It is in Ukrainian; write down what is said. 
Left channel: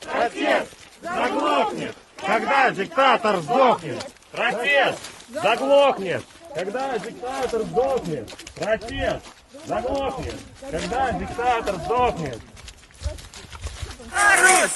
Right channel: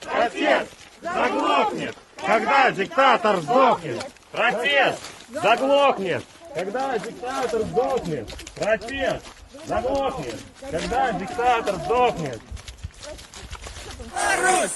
Протест заглохнет, когда диктатор сдохнет. Протест заглохнет, когда диктатор сдохнет. Протест заглохнет, когда диктатор сдохнет. Русь!